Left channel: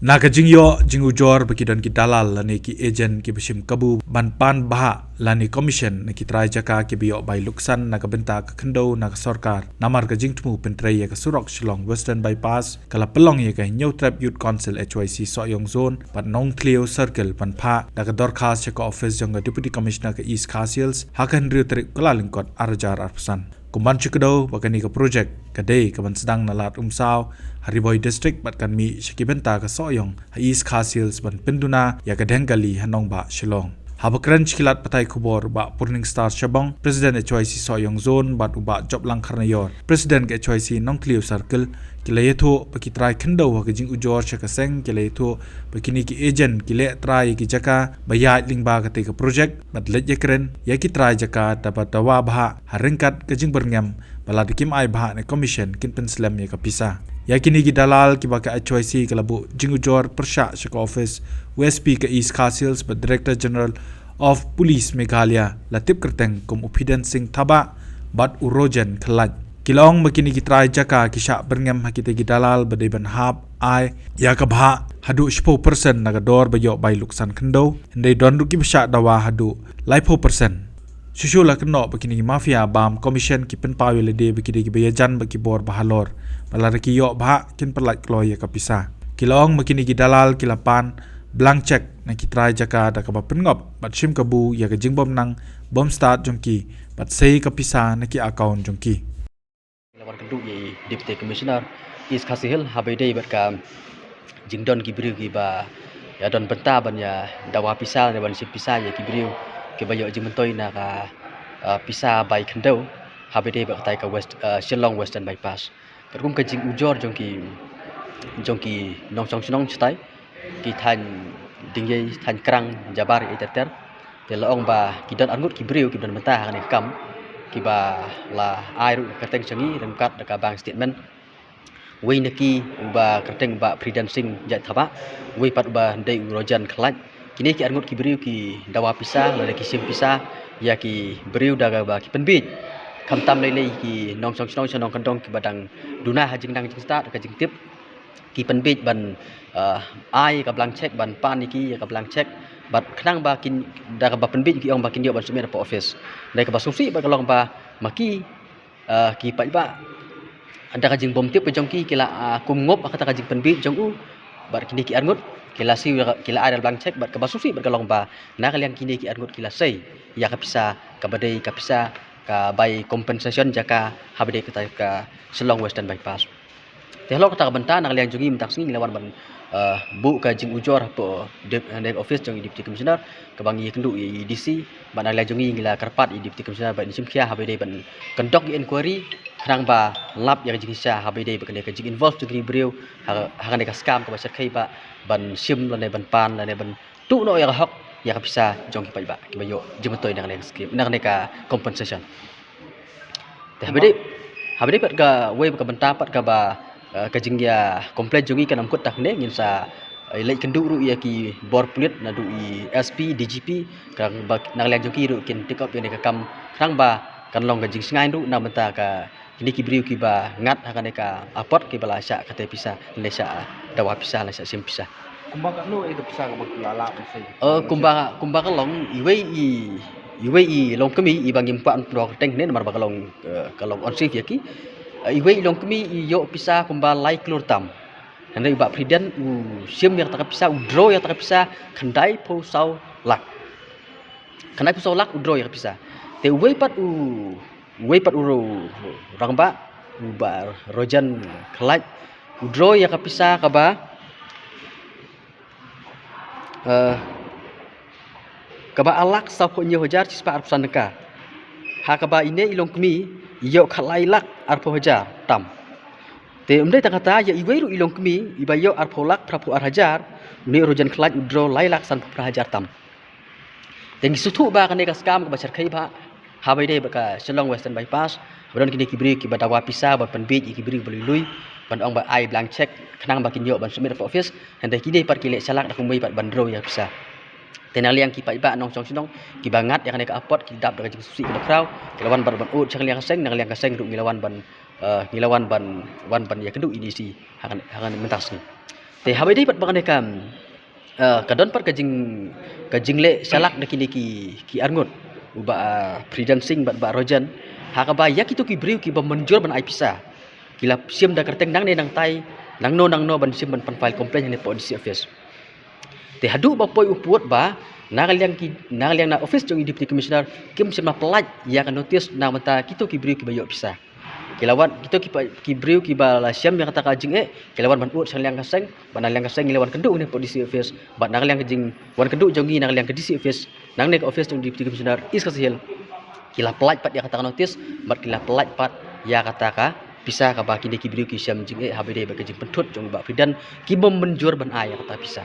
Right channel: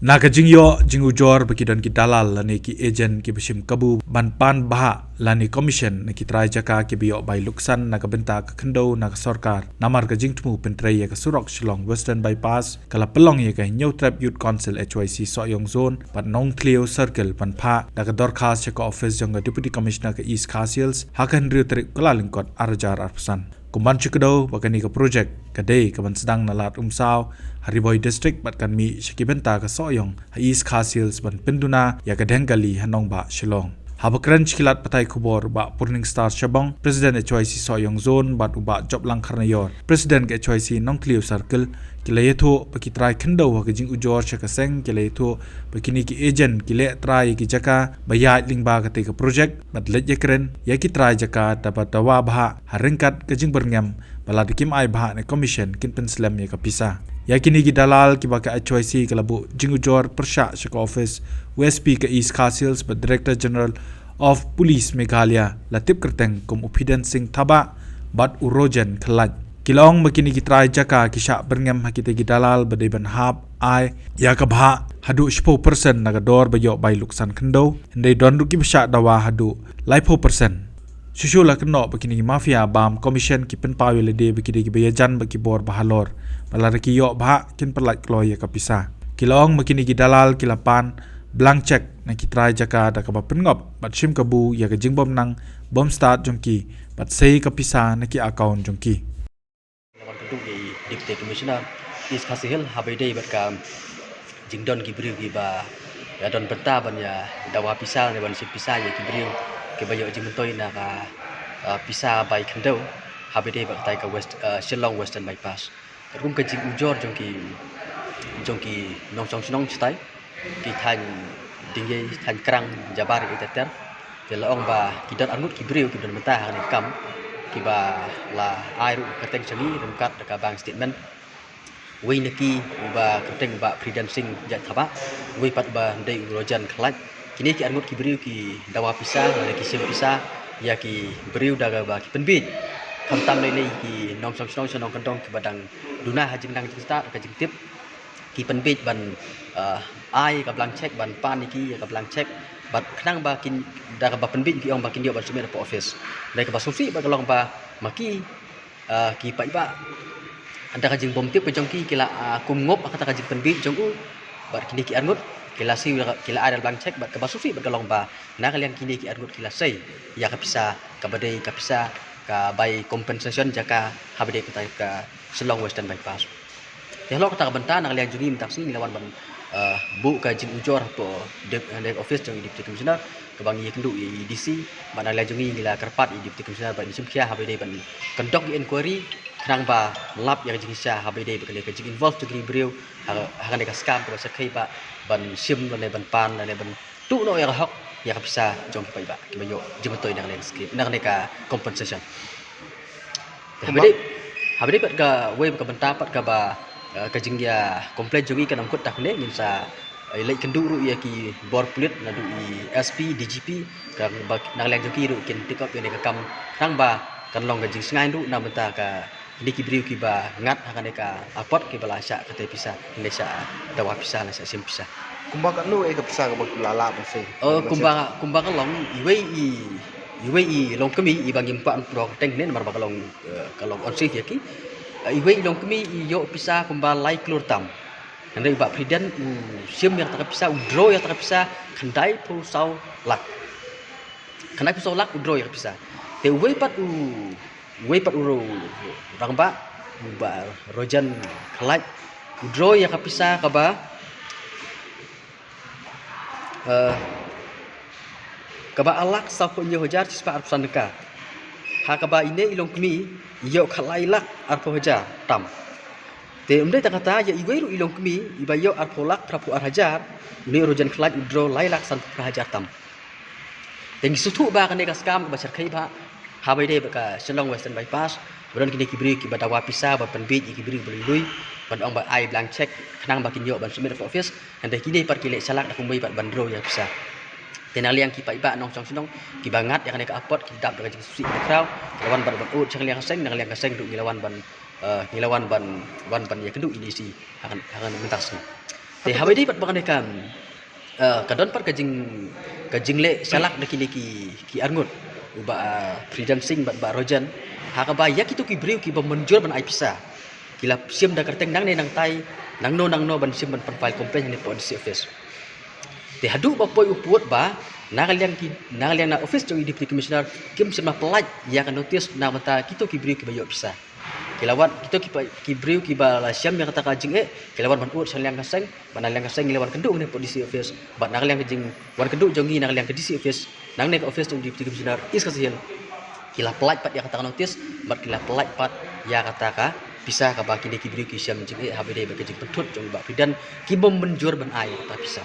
Naga jingyo jingu jor bagi dan ki dalal lani ki ejen ki besim kabu ban pan baha lani commission na ki trai jaka ki biyo bai luksan naga benta ka kendo naga sorkar namar ka jingtmu pentrai ya ka surok shillong western bypass kala pelong ya ka new trap youth council HYC soyong zone pat nong cleo circle pan pha naga dorkas ya ka office jong deputy commissioner ka east castles hakan riu trik kala lingkot arjar arsan kumban chukdo bakani ka project kadai kaban sedang nalat umsaw Hariboy district bat kan mi shikibenta ka soyong ha east castles ban penduna ya ka denggali hanong ba shillong habakran chikilat patai kubor ba purning star shabong president HYC soyong zone bat uba job lang karnayor president ke HYC nong cleo circle kilayetho pakitrai khendo ha jing ujor chaka seng kilayetho pakini ki agent kile trai ki jaka bayat lingba ka te ka project bat let yakren ya ki trai jaka dapat dawa bha haringkat ka jing berngam bala dikim ai bha ne commission kin penslam ya ka pisa yakini ki dalal ki baka HYC kalabu jing ujor persha shaka office USP ka east castles but director general of police Meghalaya latip kerteng kum uphidan singh thaba bat urojan khalat kilong makini ki trai jaka kisha berngam hakite ki dalal badai ban hab ai ya ka bha hadu 10% naga dor bayo bai luksan khendo ndai don ruki bisha dawa hadu lai 4% Sushula keno begini mafia bam commission ki pen pawile de begini ki bayajan bagi bor bahalor balar ki yo bah kin perlat kloy ya kapisa kilong begini ki dalal kilapan blank check na ki try jaka da ka pengop bat sim kabu ya ka jingbom nang bom start jongki bat sei kapisa na ki account jongki lawan keduk di deputy commissioner is kasihil habede bat ka jingdon ki briu ki ba ya don benta ban ya dawa pisal ne ban sip pisal ya ki briu ki bayo jimutoi na ka pisa bai khendo habede ba tai ka west shillong western bypass kum ka jing ujor jongki nong song snong chtai ki than dingai than krang jabar iteter te laong ba ki don angut ki briu ki don menta ne kam ki ba la ai ru ka teng changi ram kat ka bang statement wi neki ba ka teng ba predancing ja thaba wi pat ba dei urojan khlaj kini ki angut ki briu ki dawa pisa le ki sim pisa ya ki briu daga ba ki penbit kam tam le ki nong song snong nong kandong ki badang duna hajing dang cita ka jing tip ki penbit ban ai ka blank check ban pan iki ka blank check bat khnang ba kin daga ba penbit ki ong ba kin dio ban sumet po office dai ka ba sufi ba kalong ba maki ki pa ba anda ka jing bom tip pe jong ki kila kum ngop kata ka jing penbit jong u bar kini ki angut kila si kila ada blank check bat ka basufi bat kalong ba na kalian kini ki angut kila sei ya ka pisa ka badai ka pisa ka by compensation jaka habade kita ka Shillong Western Bypass tehlo kata ka benta na kalian jungi mentaksi lawan ban bu ka jing ujor to dep office jong deputy commissioner ka bang ye kendu DC ban kalian jungi ngila karpat deputy commissioner ban sim khia habade ban kendok inquiry khrang ba lap yang jing sha habade ba kalian ka jing involve to briu hakan ka scam ka sakai ba ban sim lo ban pan lo ban tu no ya hok ya ka bisa jong ki ba ki bayo jimatoy na kalian script na ka compensation habade pat ka we ka benta pat ka ba ka jing ya komplain jungi kan amkut tak ne ngin sa lai kendu ru ya ki bor pulit na du SP DGP ka na kalian jungi ru kin pick up ne ka kam khrang ba kan long ka jing sngai ru na benta ka ini ki briu ki ba ngat hakan ka apot ki bala sya kate pisa ne sya dawa pisa la sya sim pisa kumbang kat nu ke pisa ka lala pensei kumbang long iwei long kemi i bangim pa pro teng ne mar ba kalong on safe ya ki iwei long kemi yo pisa kumbang lai klur tam nandai ba priden sim yang tak pisa udro yang tak pisa khandai po sau lak khandai po sau lak udro yang pisa te wei pat uro rang ba rojan khalaj udro yang kapisa ka ba alak sa po nyo hajar sispa arpusan ka ha ka ba ine ilong kemi yo khalai lak arpo hajar tam te umdai ta kata ya iwei ru ilong kemi ibayo arpo lak prapu ar hajar ni rojan khalaj udro lai lak san pra hajar tam te ngisutu ba ka ne ka scam ka ba sarkai ba habai dei baka Shillong Western Bypass baron kini kibri ki badawa pisa ba penbit kibri belui ban ong ba ai blank check khnang ba kinyo ban sumir po office hande kini par kile salak dak kumbai bat bandro ya pisa tenal yang ki pa iba nong song sinong ki bangat yang ka apot ki dap dak susi bakraw lawan ban ut chang liang seng nang liang ka seng du ngilawan ban wan ban ya kedu edisi hangan mentas te habe dei bat bangane kam kadon pat kajing le salak ki arngut uba freedom sing bat rojan ha ka ba yak itu ki briu ki ba menjur ban ai pisa kila sim da kerteng nang ne nang tai nang no ban sim ban file complaint ni policy office te hadu ba poi upuat ba nagaliang na office jong deputy commissioner kim sim pelaj ya kan notice na mata kitu ki briu ki ba yo pisa kilawan kita ki briu ki ba la siam yang kata kajing kilawan ban ut saliang kaseng ban aliang kaseng kilawan kenduk ni policy office ban nagaliang kajing wan kenduk jongi nagaliang ke DC office nang ne office jong deputy commissioner is kasihil kila pelaj pat ya kata notice bat kila pelaj pat ya kata ka bisa ka ba ki briu ki siam jing habide ba kajing pentut jong ba fidan ki bom menjur ban ai kata bisa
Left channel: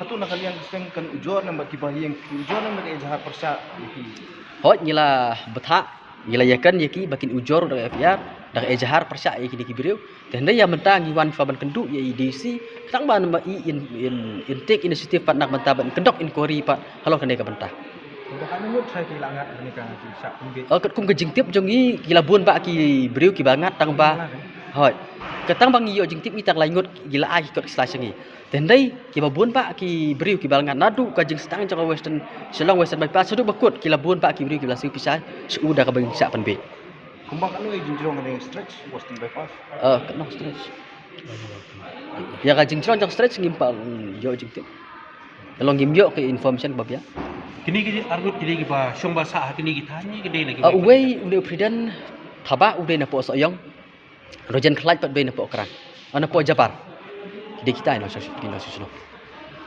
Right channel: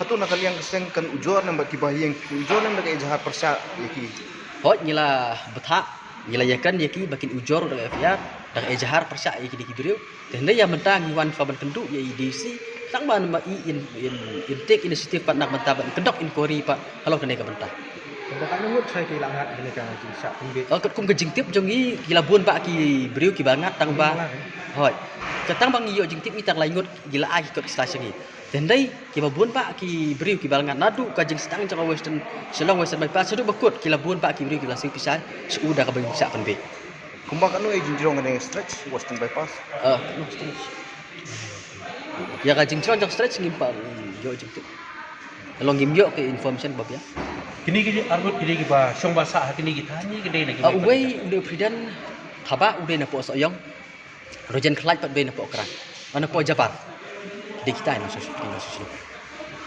Hatu nakaliang kaseng kan ujor nang bagi bahiyang ujor nang naga jahat persa yaki. Hot nyila betha nyila yakan yaki bakin ujor da FIR da ejahar persa yaki di briu dan ya mentang iwan faban kendu ya IDC tang ban ma in take initiative pat nak mentah ban kendok inquiry pak kalau kena ka bentah. Bakal ngut saya kehilangan ini kan sa pembit. Kum ke jingtip jongi gila buan pak ki briu ki bangat tang ba. Hot ketang bang yo jingtip ni tang laingut gila ai kot slasengi. Dan dai ki babun pak ki briu ki balangan nadu ka jing stang jang western selong western bypass sudu bakut ki labun pak ki briu ki lasiu pisah suuda ka bang sak penbe. Kumbak anu jinjrong nang stretch western bypass. Kenapa stretch? Ya ka jing jang stretch ngimpa yo jing tu. Kalau ngimyo ke information bab ya. Kini arbut kini ba syong basa kini kita ni kini lagi. Uwe ude pridan thaba ude na po soyong. Rojan khlaj pat be na po kran. Ana po Jabar. Di kita ni sosial.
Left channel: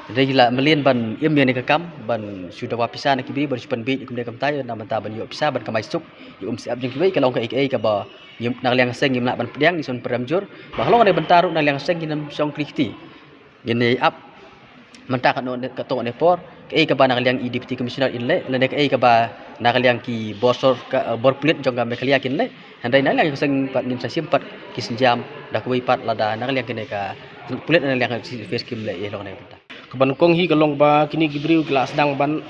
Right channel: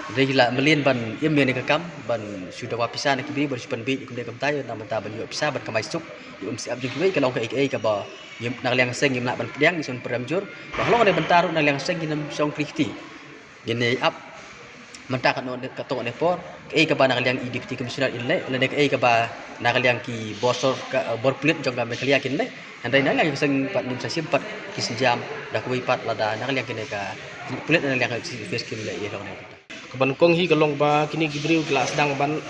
Jadi gila melien ban im yang nekam ban sudah wapisa nak kibri ban sipan bit ikum nekam tayo na manta ban yo pisa ban kamai suk ium siap jeng kibai kalau ka ka ba yim nak liang seng yim nak ban pedang ison peramjur bahlo ne bentaru nak liang seng ginam song kriti ini up menta kan ne katok ne por ka ba nak liang deputy commissioner inle le ka ba nak liang ki bosor ka bor plit jong ga meklia kinle handai nak liang seng pat nim sasim pat kisinjam dak wi pat lada nak liang kine ka plit nak liang face kim le ye long ne Kaban kong hi kalong ba kini gibriu kila sedang ban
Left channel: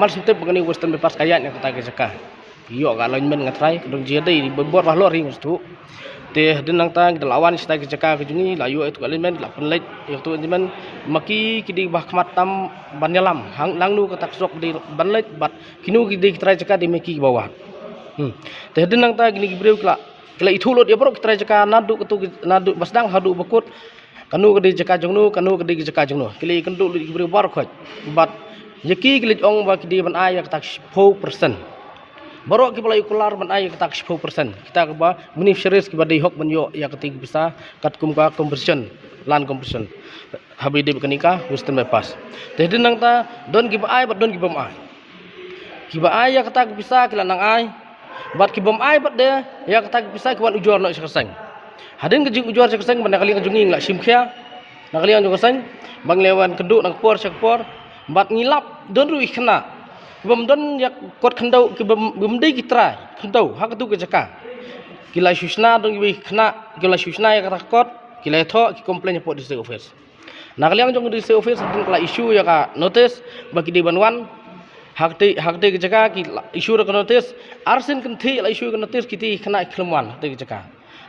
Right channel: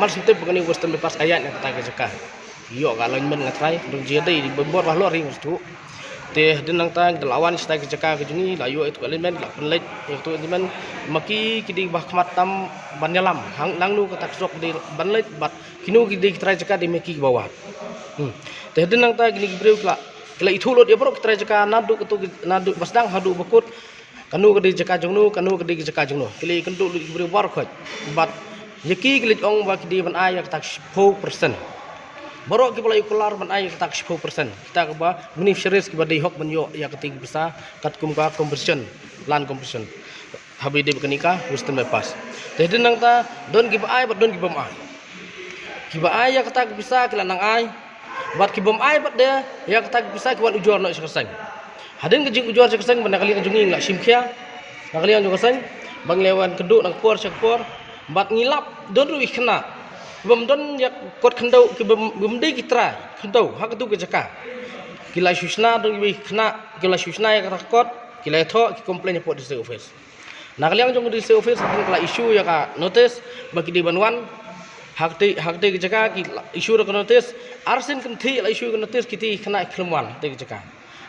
mal sintep begini western bypass ayat yang kata kesaka yo ka alignment ngatrai dong jede di bebor lah lori tu teh denang tang lawan sta kesaka ke juni la yo itu alignment la penlet itu alignment maki kidi bah matam banyalam hang langnu kata sok di banlet bat kinu kidi trai caka di meki bawah teh denang tang kini gibriu kila itu lot ya bro trai caka nadu nadu basdang hadu bakut kanu kedi jaka jongnu kanu kedi jaka jongnu kili kenduk di beri war khot bat yaki kili ong ba kedi ban ay tak 10% borok ki pulai kular ban ay tak 10% kita ka ba beneficiaries ki badai hok ban yo ya keting bisa kat kum ka composition land composition habide kenika western bypass teh denang ta don ki ba ay bat don ki bom ay ki ba ay ya kata bisa kilanang ay bat ki bom ay bat de ya kata bisa ki wan ujor no sekeseng hadin kejing ujuar sekeseng bandakali kejunging la simkhia nakali ang sekeseng bang lewan keduk nak por sekpor bat ngilap don ru ikhna bom don yak kot khandau ki bom dei kitra khandau ha ketu ke jaka kila susna don wi khna kila susna ya kata kot kila tho ki complain po district office nakali ang jong district office kala issue ya ka notice bagi di banwan hakte ke jaka ki issue ka notice arsin kanthi la issue ka notice kiti khna khlemwan te ke jaka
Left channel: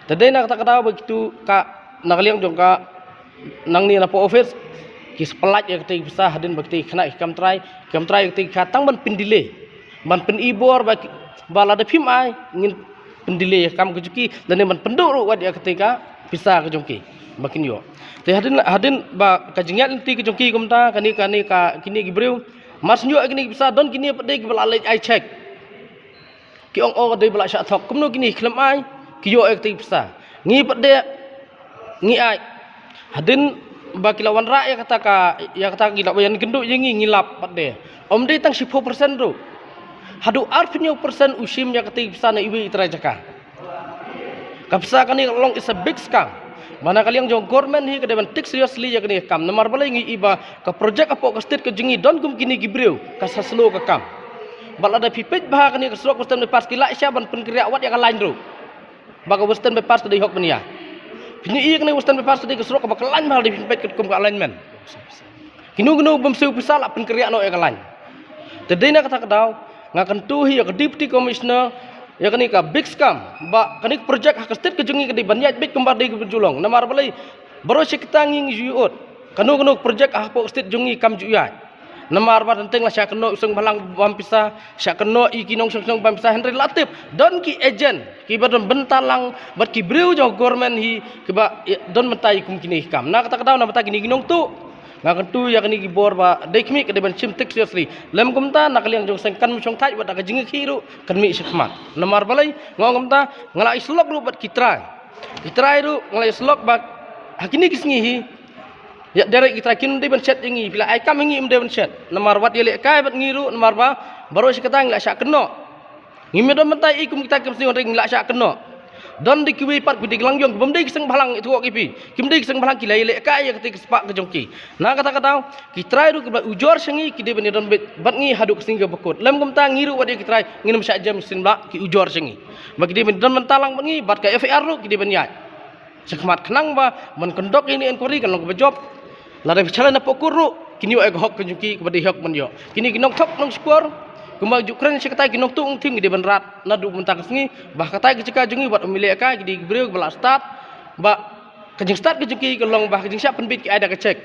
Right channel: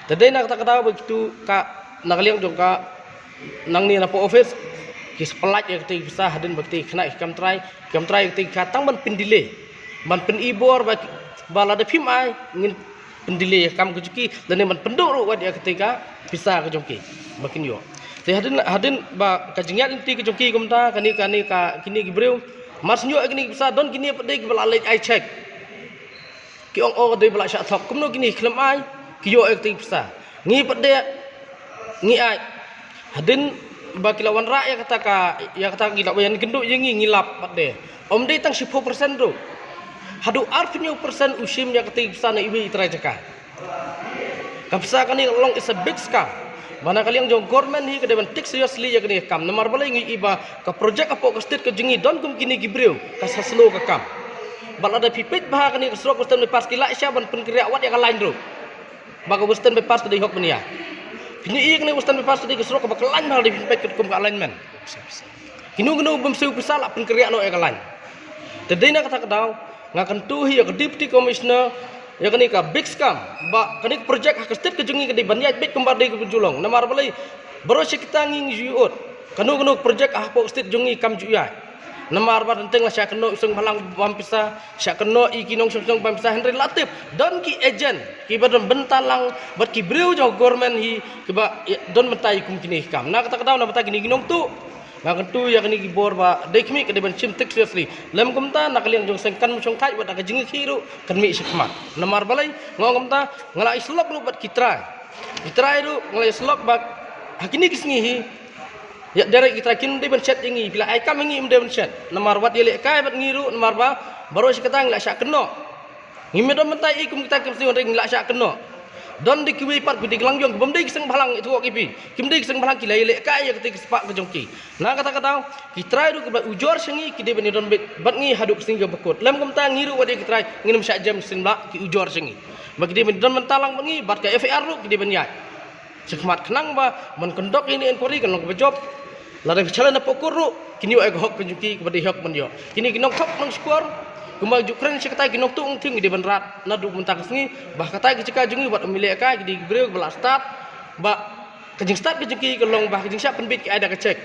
tadi nak tak tahu begitu kak nakaliang juga nang ni napo office kis pelat ya ketik bisa hadin bekti kena kam try ketik katang ban pendile ban pen ibor bagi bala de phim ai ngin pendile kam kejuki dan ban penduk ru wad ya ketika bisa kejongki makin yo te hadin ba kajingat inti kejongki kumta kani ka kini gibreu mas nyo kini bisa don kini pede bala late I check ki ong de bala syak thok kumno kini klem ai kiyo ekti pisa ngi pede ngi ai hadin baki lawan rak ya kata gila bayan genduk yengi ngilap pede om de tang 10% ro hadu arfinyo persen usim ya keti pisa na iwi itra jaka kapsa kani long is a big scam mana kali yang jong government hi kedeban take seriously ya kini kam nomor bala ngi iba ka project apa ka state ke jengi don kum kini gibreu ka saslo ka kam bal ada pipit bah kani ka srok western pas kila isya ban penkria wat ya ka lain ro baga western bypass tadi hok menia kini iya kena western bypass tadi keserok ke bakalan hal di pipet ke kum ka alignment kinu bemsu pisah la penkria no ya ka lain tadi nak kata kadau ngakan tuhi ya ke deputy commissioner ya kani ka big scam ba kani project hak state ke jengi ke di banyat bit kembar di ke julong namar balai baru kita nging juot kanu projek ahpo state jungi kam juya namar ba tentang lah sya keno usung balang bampisa sya keno ikinong sung bampisa Henry Latif don ki agent ki badon bentalang bat ki breu jo government hi ki ba don mentai kum kini kam na kata kadaw na bata kini ginong tu ngakan tu ya kini gibor ba dekmi ke deban chim tek seriously lem kumta nakaliang jong sengkan musong tai bat ka jingi khiru kan mi sikmat namar balai ngom ta ngala islok ru bat kitra ru ngala islok bat hakini kisngi hi ya derek kita kin de ben chat ingi bila ai kam ingi de ben chat namar wat yele kai bat ngiru namar ba baru sekatang la syak keno ngime don mentai ikum kita kim sing ring la syak keno don di kiwi pat gudi langyong bom de kiseng balang itu kok kipi kim de kiseng balang kilai le kai ya ketik sepak ke jongki na kata kita ru ke ujor sengi ki de ben don bat ngi haduk sing jo bekut lam kum ta ngiru wat kita nginem syak jam sin ba ki ujor sengi bagi de ben don mentalang ngi bat ka FAR ru ki de ben yai sekmat kenang ba men kendok ini enquiry kan ke job Lada bicara na pokuru kini ay hok kejuki kepada hok menyo. Kini kinok tok nang skor kumbang jukren seketai kinok tu ting di benrat na du mentang sengi bah katai keceka jungi buat milik ka di breu bela start ba kejing start kejuki kelong bah kejing siap penbit ki ada kecek.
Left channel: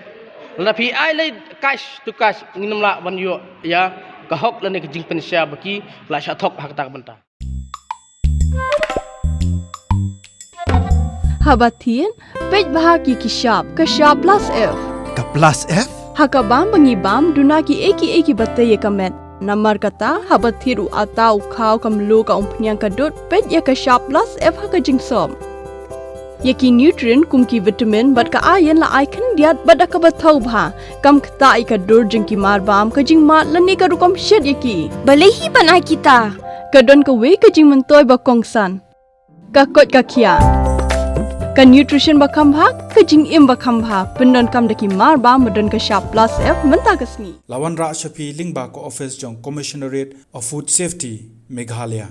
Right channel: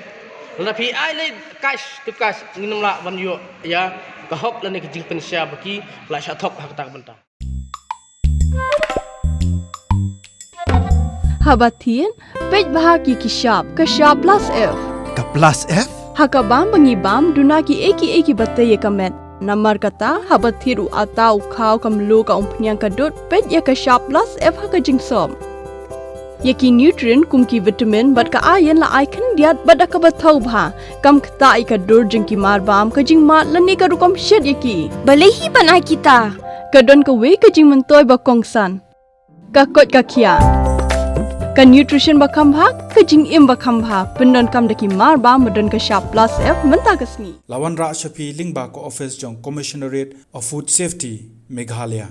Tapi ai lai cash to cash nginam la menyo ya ka hok lan kejing pensia baki la sya tok bah katak bentang. Habatin pej bahaki kishap plus F Ka plus F? Hakabam bangibam dunaki eki batay kamet. Namar kata habathiru atau kau kamlu ka umpnyang kadut pet ya ka sharp plus F haka jingsom. Yaki nutrient kumki vitamin bat ka iron la icon diat bat ka bathau bha kam kta ai ka dur jingki mar bam ka jing mat lani ka rukom shed yaki. Balehi banai kita. Kadon ka we ka jing mentoy ba kongsan. Ka kot ka kia. Ka nutrition bakam bha ka jing im bakam bha pendon kam daki mar ba madon ka sharp plus F menta kasni Lawan Ra Shafi Lingba ko office jong Commissionerate of Food Safety Meghalaya